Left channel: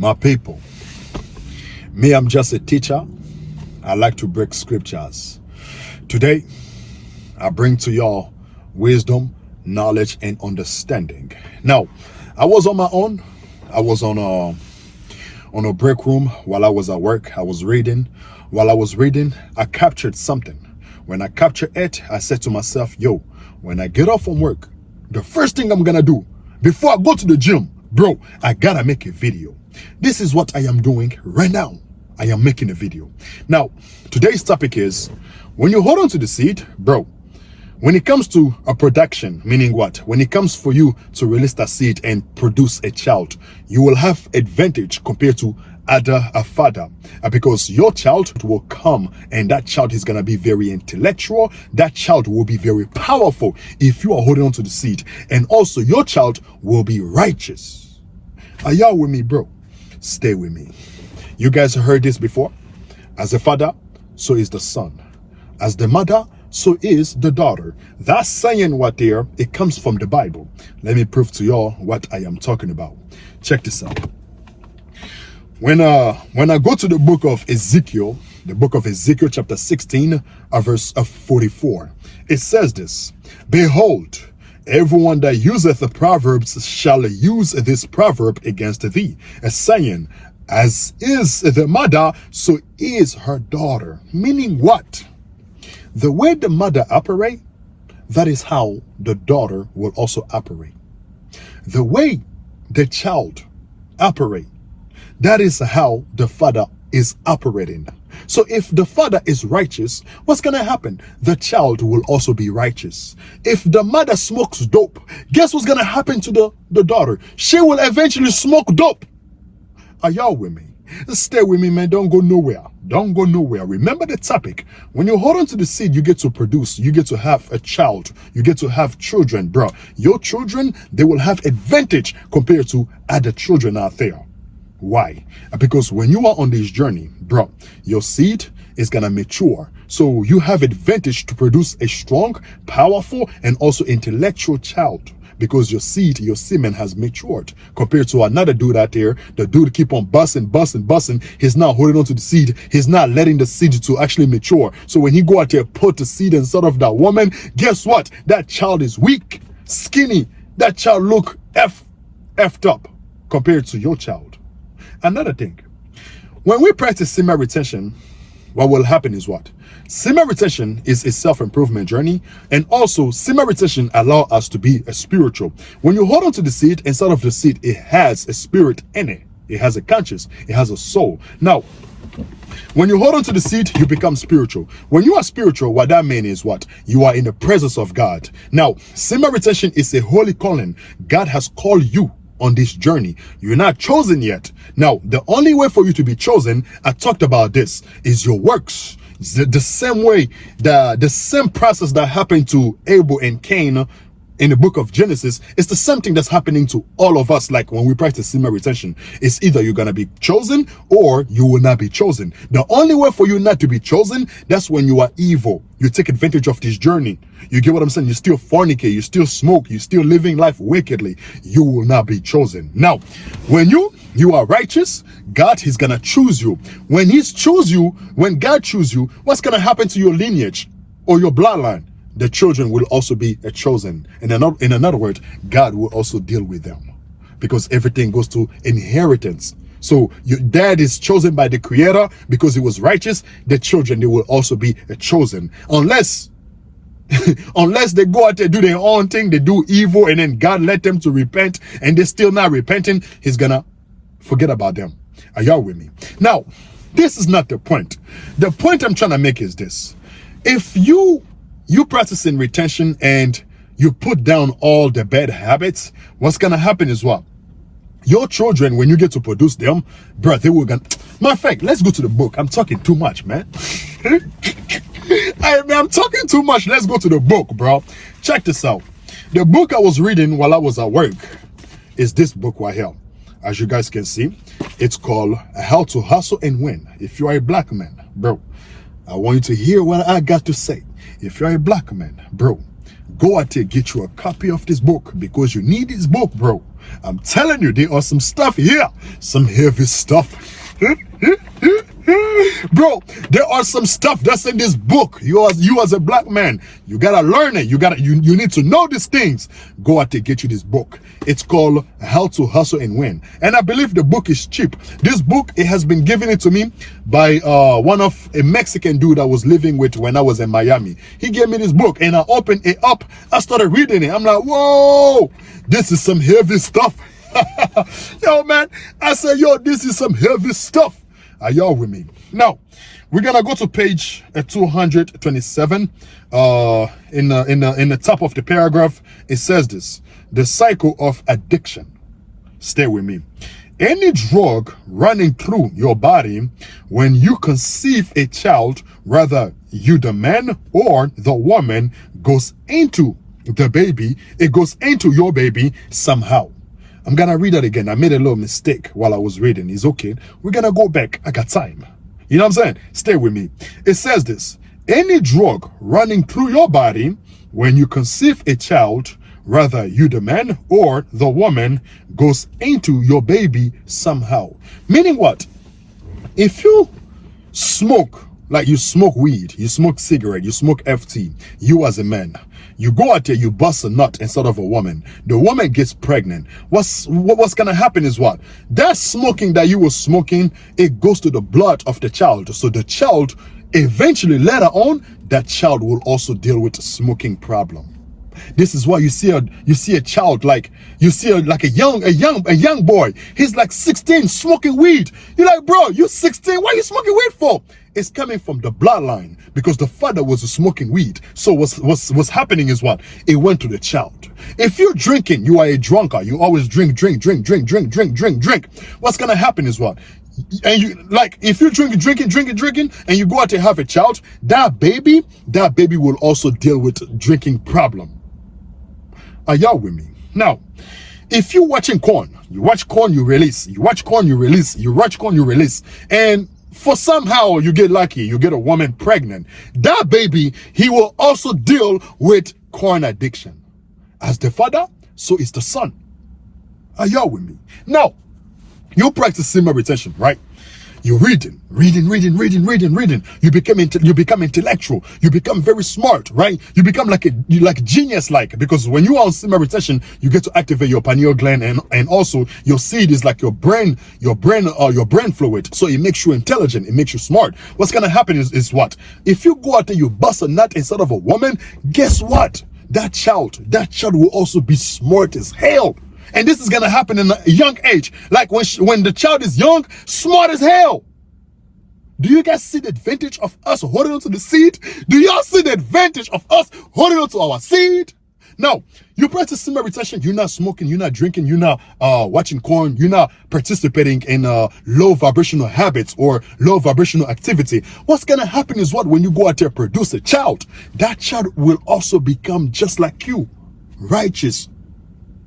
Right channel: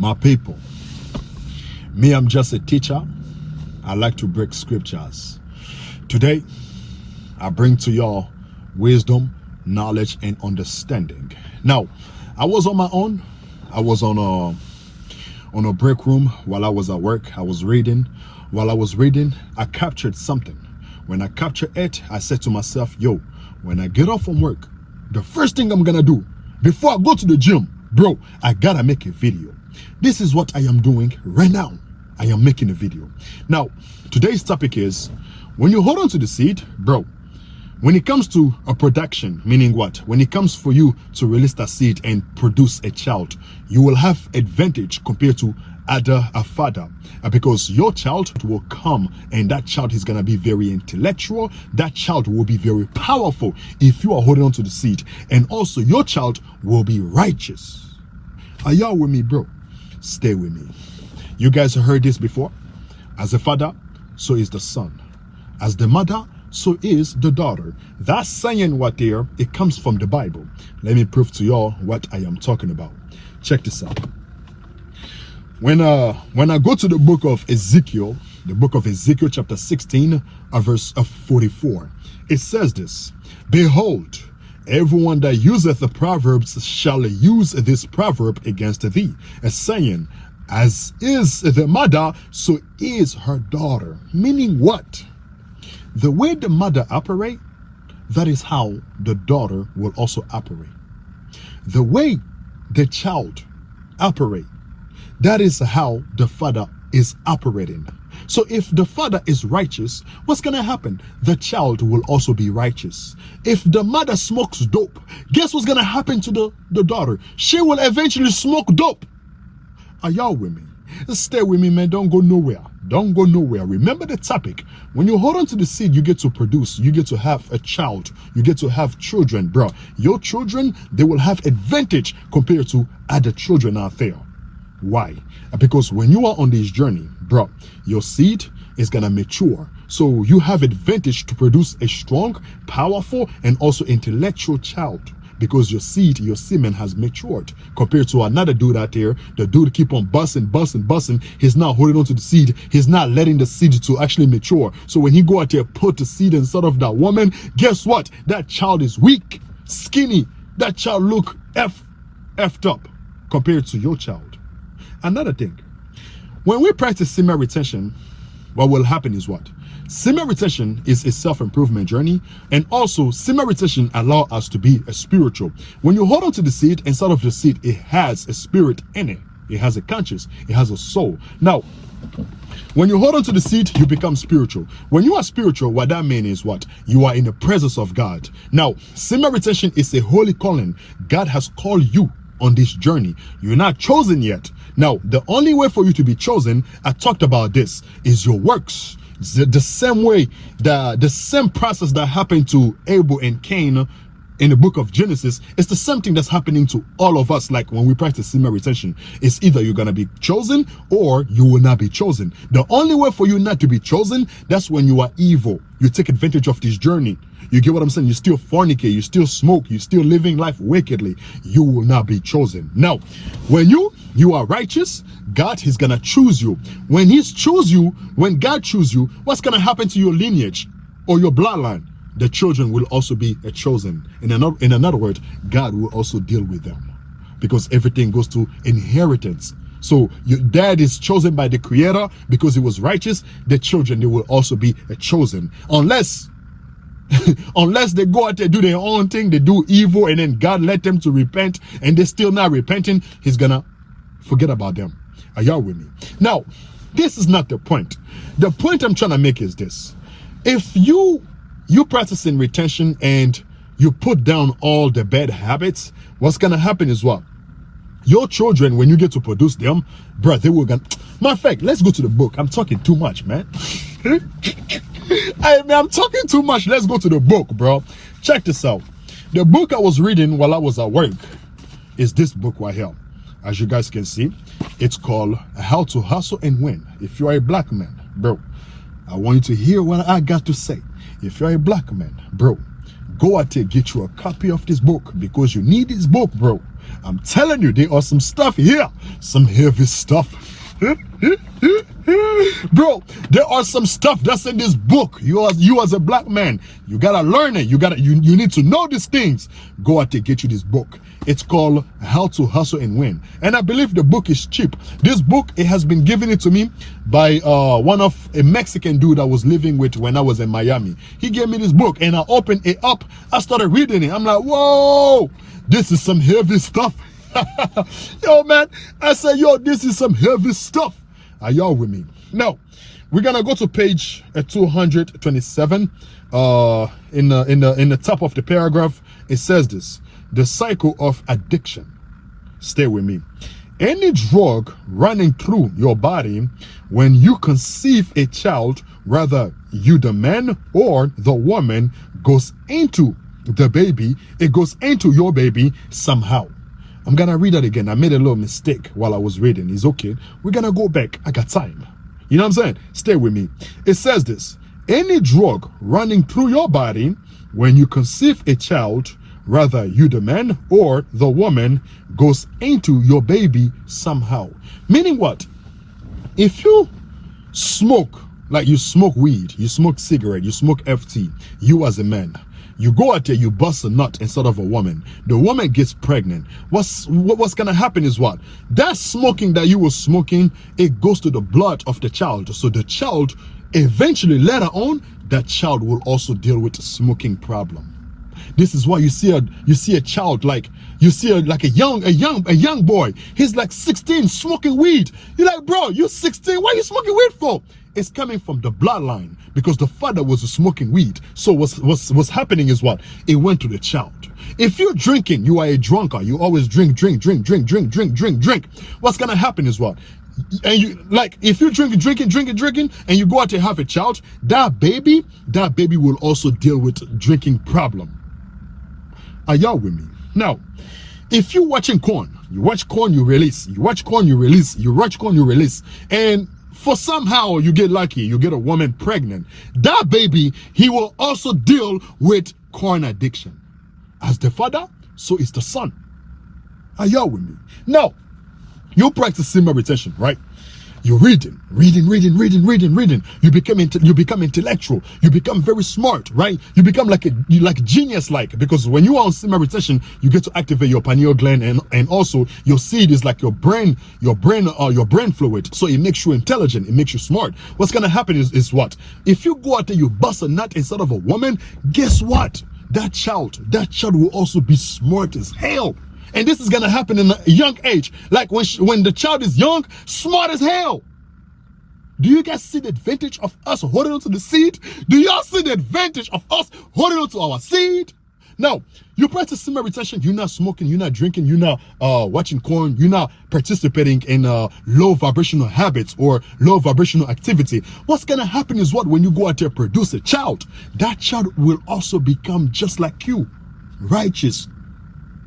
My people, me, I'm just a teacher. I like to break scriptures. Today, I bring to y'all wisdom, knowledge, and understanding. Now, I was on my own. I was on a break room while I was at work. I was reading. While I was reading, I captured something. When I captured it, I said to myself, yo, when I get off from work, the first thing I'm gonna do before I go to the gym, bro, I gotta make a video. This is what I am doing right now. I am making a video. Now, today's topic is, when you hold on to the seed, bro, when it comes to a production, meaning what? When it comes for you to release that seed and produce a child, you will have advantage compared to a father, because your child will come and that child is going to be very intellectual. That child will be very powerful if you are holding on to the seed, and also your child will be righteous. Are y'all with me, bro? Stay with me. You guys heard this before. As a father, so is the son. As the mother, so is the daughter. That saying what there, it comes from the Bible. Let me prove to y'all what I am talking about. Check this out. When I go to the book of Ezekiel chapter 16, verse 44, it says this: Behold, everyone that useth the proverbs shall use this proverb against thee, as saying, as is the mother, so is her daughter. Meaning what? The way the mother operate, that is how the daughter will also operate. The way the child operate, that is how the father is operating. So if the father is righteous, what's going to happen? The child will also be righteous. If the mother smokes dope, guess what's going to happen to the daughter? She will eventually smoke dope. Are y'all with me? Stay with me, man. Don't go nowhere. Don't go nowhere. Remember the topic. When you hold on to the seed, you get to produce. You get to have a child. You get to have children, bro. Your children, they will have advantage compared to other children out there. Why? Because when you are on this journey, bro, your seed is gonna mature. So you have advantage to produce a strong, powerful, and also intellectual child. Because your seed, your semen has matured compared to another dude out there. The dude keep on busting. He's not holding on to the seed. He's not letting the seed to actually mature. So when he go out there, put the seed inside of that woman, guess what? That child is weak, skinny. That child look effed up compared to your child. Another thing, when we practice semen retention, what will happen is what? Semen retention is a self-improvement journey, and also semen retention allows us to be a spiritual. When you hold on to the seed, inside of the seed, it has a spirit in it. It has a conscience. It has a soul. Now, when you hold on to the seed, you become spiritual. When you are spiritual, what that means is what? You are in the presence of God. Now, semen retention is a holy calling. God has called you on this journey. You're not chosen yet. Now, the only way for you to be chosen, I talked about this, is your works. The same way, the same process that happened to Abel and Cain in the book of Genesis, it's the same thing that's happening to all of us. Like when we practice semen retention, it's either you're gonna be chosen or you will not be chosen. The only way for you not to be chosen, that's when you are evil. You take advantage of this journey. You get what I'm saying? You still fornicate, you still smoke, you still living life wickedly. You will not be chosen. Now, when you are righteous, God is gonna choose you. When when God chooses you, what's gonna happen to your lineage or your bloodline? The children will also be chosen. In another word, God will also deal with them, because everything goes to inheritance. So your dad is chosen by the Creator because he was righteous. The children, they will also be chosen, unless they go out there, do their own thing, they do evil, and then God let them to repent, and they're still not repenting. He's gonna forget about them. Are y'all with me? Now, this is not the point. The point I'm trying to make is this: if you practicing retention and you put down all the bad habits, what's gonna happen is what? Your children, when you get to produce them, bro, they will gonna... Matter of fact, let's go to the book. I'm talking too much, man. I'm talking too much. Let's go to the book, bro. Check this out. The book I was reading while I was at work is this book right here. As you guys can see, it's called How to Hustle and Win. If you are a black man, bro, I want you to hear what I got to say. If you're a black man, bro, go out there, get you a copy of this book, because you need this book, bro. I'm telling you, there are some stuff here, some heavy stuff. Bro, there are some stuff that's in this book. You as a black man, you gotta learn it. You need to know these things. Go out there, get you this book. It's called How to Hustle and Win, and I believe the book is cheap. This book, it has been given it to me by a Mexican dude I was living with when I was in Miami. He gave me this book, and I opened it up. I started reading it. I'm like, whoa, this is some heavy stuff. Yo, man, I said, yo, this is some heavy stuff. Are y'all with me? Now, we're gonna go to page 227. In the top of the paragraph, it says this: the cycle of addiction. Stay with me. Any drug running through your body when you conceive a child, whether you, the man or the woman, goes into the baby, it goes into your baby somehow. I'm gonna read that again. I made a little mistake while I was reading. It's okay. We're gonna go back. I got time. You know what I'm saying? Stay with me. It says this: any drug running through your body when you conceive a child, whether you, the man or the woman, goes into your baby somehow. Meaning what? If you smoke, like you smoke weed, you smoke cigarette, you smoke FT, you as a man, you go out there, you bust a nut instead of a woman. The woman gets pregnant. What's gonna happen is what? That smoking that you were smoking, it goes to the blood of the child. So the child, eventually later on, that child will also deal with a smoking problem. This is why you see a child, like you see like a young boy. He's like 16 smoking weed. You're like, bro, you're 16. What are you smoking weed for? It's coming from the bloodline, because the father was smoking weed. So what's happening is what? It went to the child. If you're drinking, you are a drunkard. You always drink. What's gonna happen is what? And you, like, if you're drinking, and you go out to have a child, that baby will also deal with drinking problem. Are y'all with me? Now, if you're watching corn, you watch corn, you release. You watch corn, you release. You watch corn, you release. And for somehow you get lucky, you get a woman pregnant. That baby, he will also deal with corn addiction. As the father, so is the son. Are y'all with me? Now, you practice semen retention, right? You're reading. You become intellectual. You become very smart, right? You become like genius-like, because when you are on semen retention, you get to activate your pineal gland, and also your seed is like your brain fluid. So it makes you intelligent. It makes you smart. What's gonna happen is what? If you go out there, you bust a nut instead of a woman, guess what? That child will also be smart as hell. And this is gonna happen in a young age. Like when the child is young, smart as hell. Do you guys see the advantage of us holding on to the seed? Do y'all see the advantage of us holding on to our seed? Now, you practice semen retention, you're not smoking, you're not drinking, you're not watching porn, you're not participating in low vibrational habits or low vibrational activity. What's gonna happen is what? When you go out there produce a child, that child will also become just like you, righteous,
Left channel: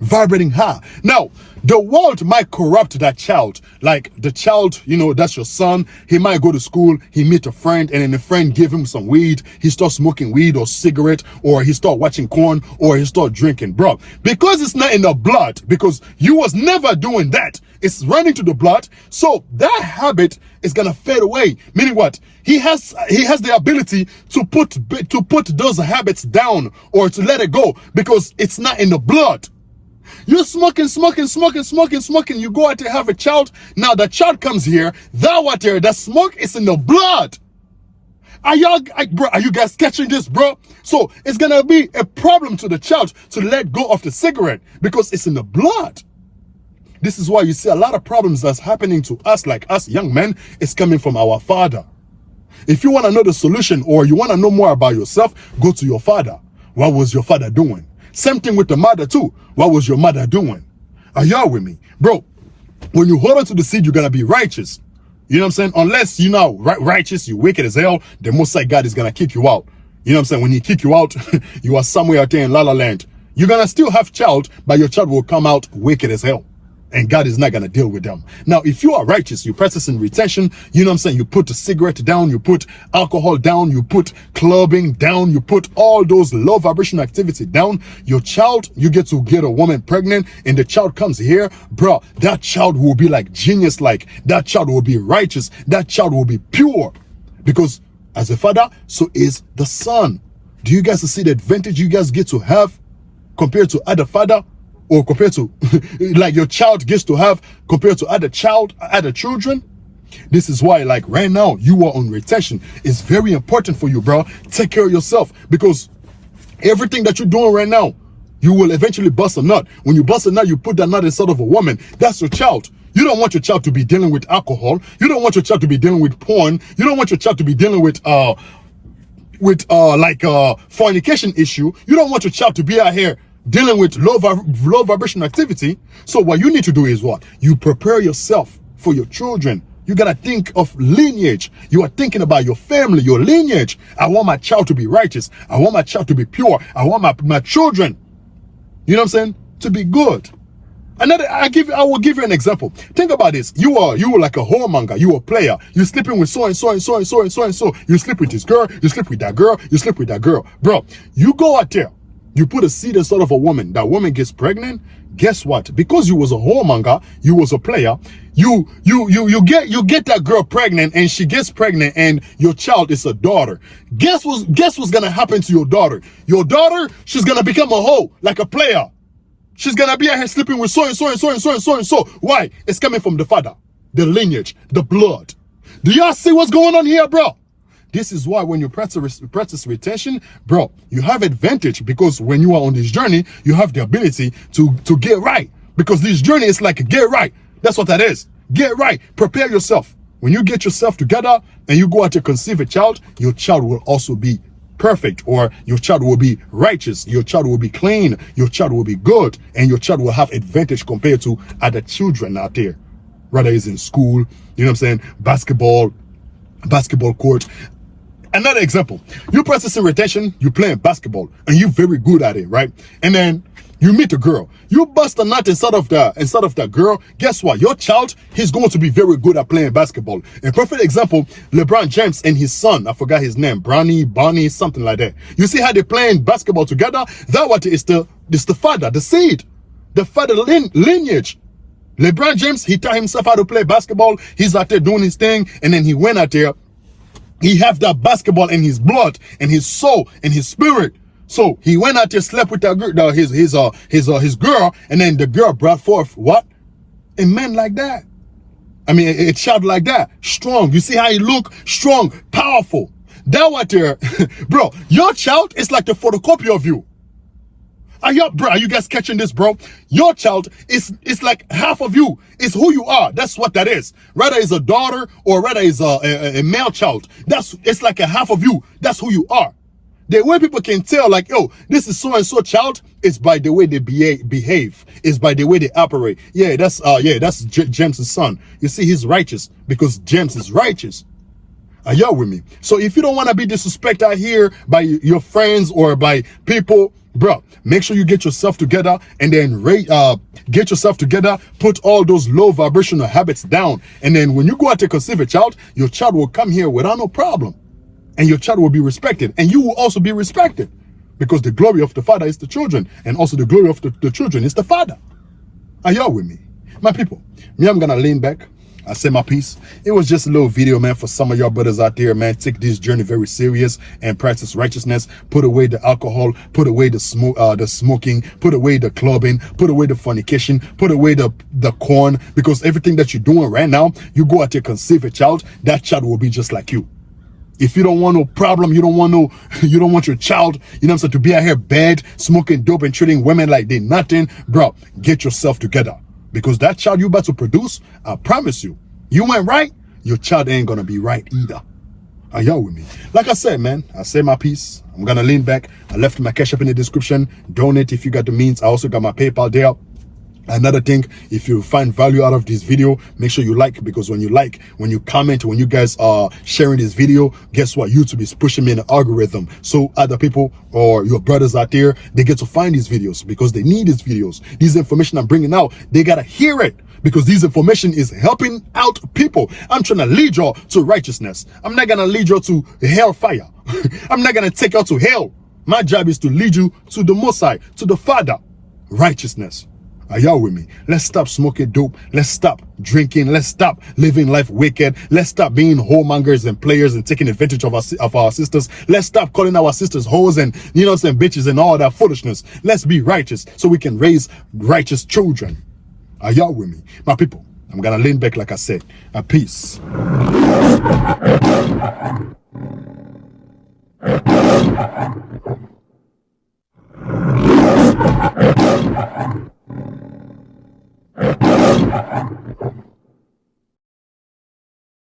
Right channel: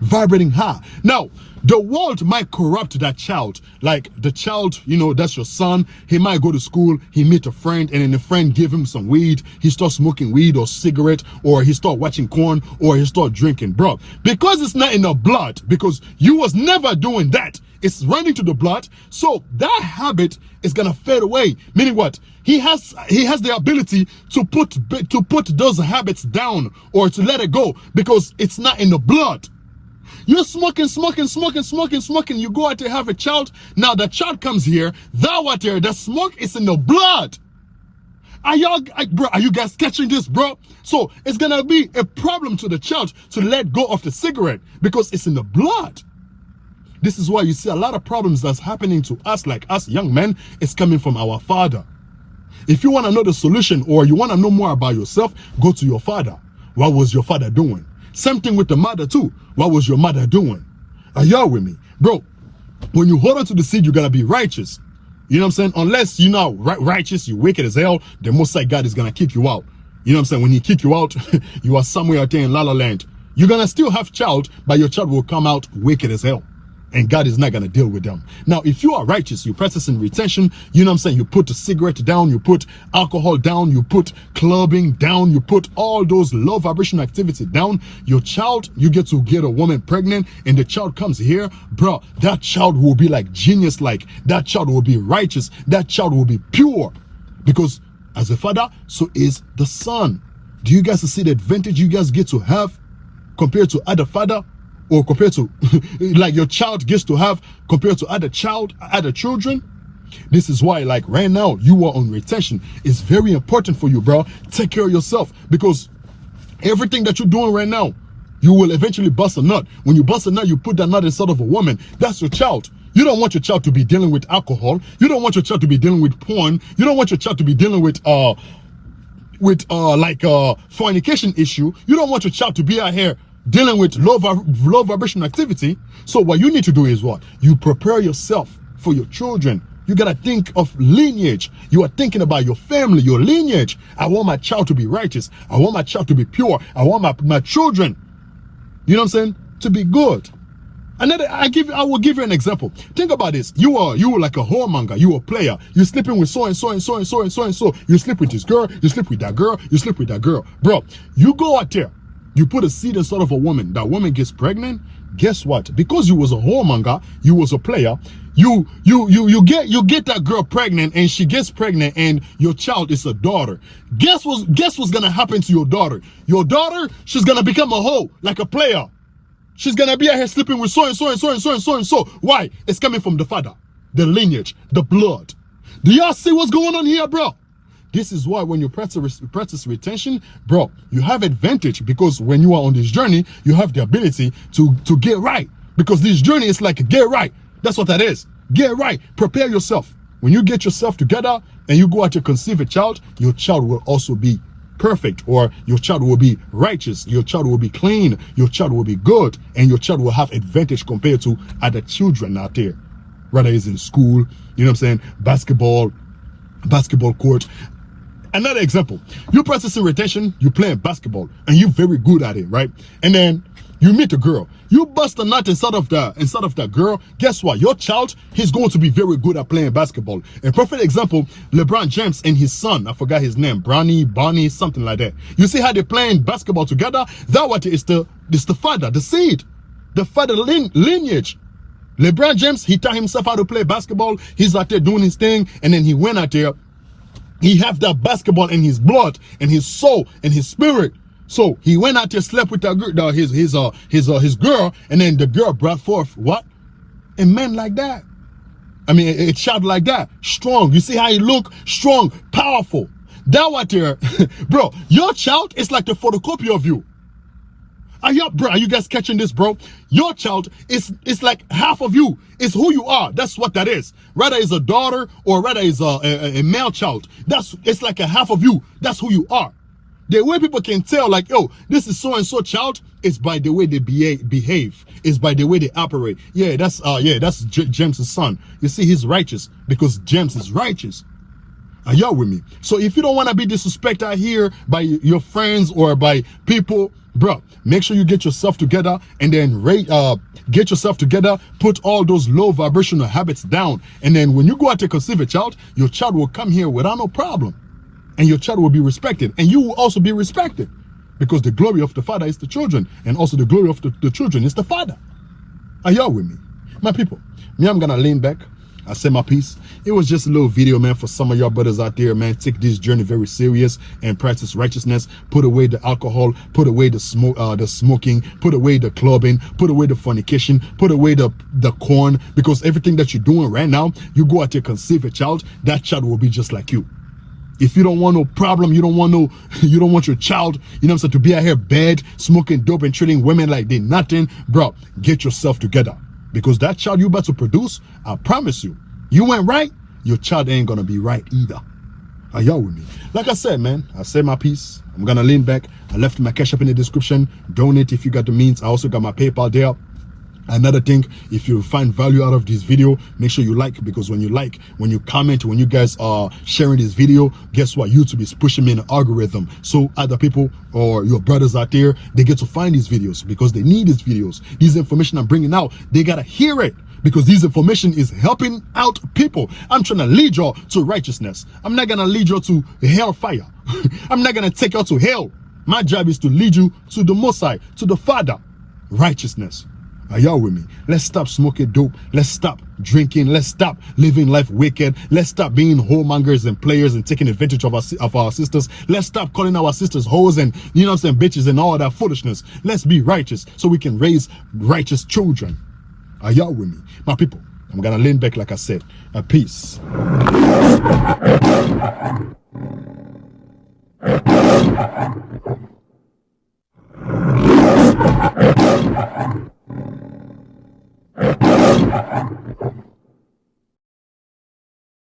vibrating high. Now, the world might corrupt that child. Like the child, you know, that's your son. He might go to school, he meet a friend, and then the friend give him some weed. He starts smoking weed or cigarette, or he start watching porn, or he start drinking, bro. Because it's not in the blood, because you was never doing that. It's running to the blood. So that habit is gonna fade away. Meaning what? He has the ability to put those habits down, or to let it go, because it's not in the blood. You're smoking. You go out there, have a child. Now the child comes here. That smoke is in the blood. Are you guys catching this, bro? So it's gonna be a problem to the child to let go of the cigarette, because it's in the blood. This is why you see a lot of problems that's happening to us, like us young men. It's coming from our father. If you want to know the solution, or you want to know more about yourself, go to your father. What was your father doing? Same thing with the mother too. What was your mother doing? Are y'all with me? Bro, when you hold on to the seed, you're going to be righteous. You know what I'm saying? Unless you're not righteous, you're wicked as hell, the Most High God is going to kick you out. You know what I'm saying? When he kick you out, you are somewhere out there in La La Land. You're going to still have child, but your child will come out wicked as hell. and God is not going to deal with them. Now, if you are righteous, you practice in retention, you know what I'm saying? You put the cigarette down, you put alcohol down, you put clubbing down, you put all those low vibration activity down. Your child, you get to get a woman pregnant and the child comes here, bro, that child will be like genius, like that child will be righteous, that child will be pure. Because as a father, so is the son. Do you guys see the advantage you guys get to have compared to other father? Or compared to like your child gets to have compared to other children? This is why, like right now, you are on retention. It's very important for you, bro. Take care of yourself, because everything that you're doing right now, you will eventually bust a nut. When you bust a nut, you put that nut inside of a woman. That's your child. You don't want your child to be dealing with alcohol. You don't want your child to be dealing with porn. You don't want your child to be dealing with fornication issue. You don't want your child to be out here dealing with low vibration activity. So what you need to do is what? You prepare yourself for your children. You gotta think of lineage. You are thinking about your family, your lineage. I want my child to be righteous. I want my child to be pure. I want my children, you know what I'm saying, to be good. I will give you an example. Think about this. You were like a whoremonger. You were a player. You sleeping with so and so and so and so and so and so. You sleep with this girl. You sleep with that girl. You sleep with that girl. Bro, you go out there. You put a seed inside of a woman. That woman gets pregnant. Guess what? Because you was a whoremonger, you was a player. You get that girl pregnant, and she gets pregnant, and your child is a daughter. Guess what's gonna happen to your daughter? Your daughter, she's gonna become a hoe, like a player. She's gonna be out here sleeping with so and so and so and so and so and so. Why? It's coming from the father, the lineage, the blood. Do y'all see what's going on here, bro? This is why when you practice retention, bro, you have advantage, because when you are on this journey, you have the ability to get right. Because this journey is like get right. That's what that is. Get right. Prepare yourself. When you get yourself together and you go out to conceive a child, your child will also be perfect, or your child will be righteous, your child will be clean, your child will be good, and your child will have advantage compared to other children out there. Whether it's in school, you know what I'm saying, basketball court. Another example, you practicing retention, you playing basketball, and you're very good at it, right? And then you meet a girl, you bust a nut inside of that girl. Guess what? Your child, he's going to be very good at playing basketball. A perfect example, LeBron James and his son, I forgot his name, Bonnie, something like that. You see how they're playing basketball together? That what is the father, the seed, the father lineage. LeBron James, he taught himself how to play basketball. He's out there doing his thing, and then he went out there. He have that basketball in his blood and his soul and his spirit. So he went out there, slept with that girl, his girl, and then the girl brought forth what? A man like that. I mean, a child like that, strong. You see how he look? Strong, powerful. That right there, bro. Your child is like the photocopy of you. Are you guys catching this, bro? Your child is like half of you. It's who you are. That's what that is. Rather is a daughter or rather is a male child. It's like a half of you. That's who you are. The way people can tell, like, oh, this is so and so child, is by the way they behave. Is by the way they operate. Yeah, that's James' son. You see, he's righteous because James is righteous. Are y'all with me? So if you don't want to be disrespected out here by your friends or by people, bro, make sure you get yourself together and then get yourself together, put all those low vibrational habits down, and then when you go out to conceive a child, your child will come here without no problem, and your child will be respected, and you will also be respected, because the glory of the father is the children, and also the glory of the children is the father. Are y'all with me? My people, me, I'm gonna lean back. I say my piece. It was just a little video, man, for some of y'all brothers out there, man. Take this journey very serious and practice righteousness. Put away the alcohol, put away the smoking, put away the clubbing, put away the fornication, put away the corn, because everything that you're doing right now, you go out there conceive a child, that child will be just like you. If you don't want no problem, you don't want your child, you know what I'm saying, to be out here bad, smoking dope and treating women like they nothing, bro, get yourself together. Because that child you about to produce, I promise you, you went right, your child ain't gonna be right either. Are y'all with me? Like I said, man, I say my piece. I'm gonna lean back. I left my cash up in the description. Donate if you got the means. I also got my PayPal there. Another thing, if you find value out of this video, make sure you like, because when you like, when you comment, when you guys are sharing this video, guess what? YouTube is pushing me in the algorithm, so other people or your brothers out there, they get to find these videos because they need these videos. These information I'm bringing out, they gotta hear it, because this information is helping out people. I'm trying to lead y'all to righteousness. I'm not gonna lead y'all to hellfire. I'm not gonna take y'all to hell. My job is to lead you to the Most High, to the Father. Righteousness. Are y'all with me? Let's stop smoking dope. Let's stop drinking. Let's stop living life wicked. Let's stop being whoremongers and players and taking advantage of our sisters. Let's stop calling our sisters hoes and, you know what I'm saying, bitches and all that foolishness. Let's be righteous so we can raise righteous children. Are y'all with me? My people, I'm gonna lean back like I said. Peace.